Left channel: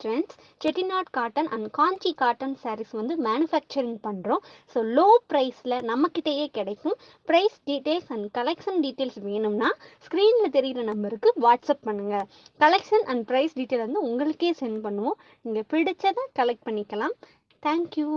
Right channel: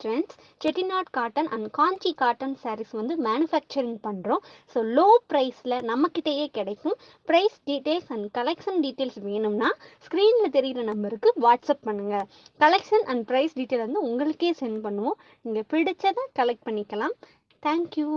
Trendz, Chettinad Cotten and Kanchi Cotton sarees வந்து manufacturing பண்றோம். So low priceல நம்மக்கிட்டேயே கிடைக்கும். Price details and collection details வேணும்னா ஸ்க்ரீனில் தெரிகிற நம்பருக்கு வாட்ஸ்அப் பண்ணுங்க. கலெக்ஷன் அண்ட் ப்ரைஸ் டீட்டெயில் வந்து உங்களுக்கே சென்ட் பண்ணுவோம். நீங்கள் பிடிச்சதை கலெக்ட் பண்ணிக்கலாம். தேங்க்யூ.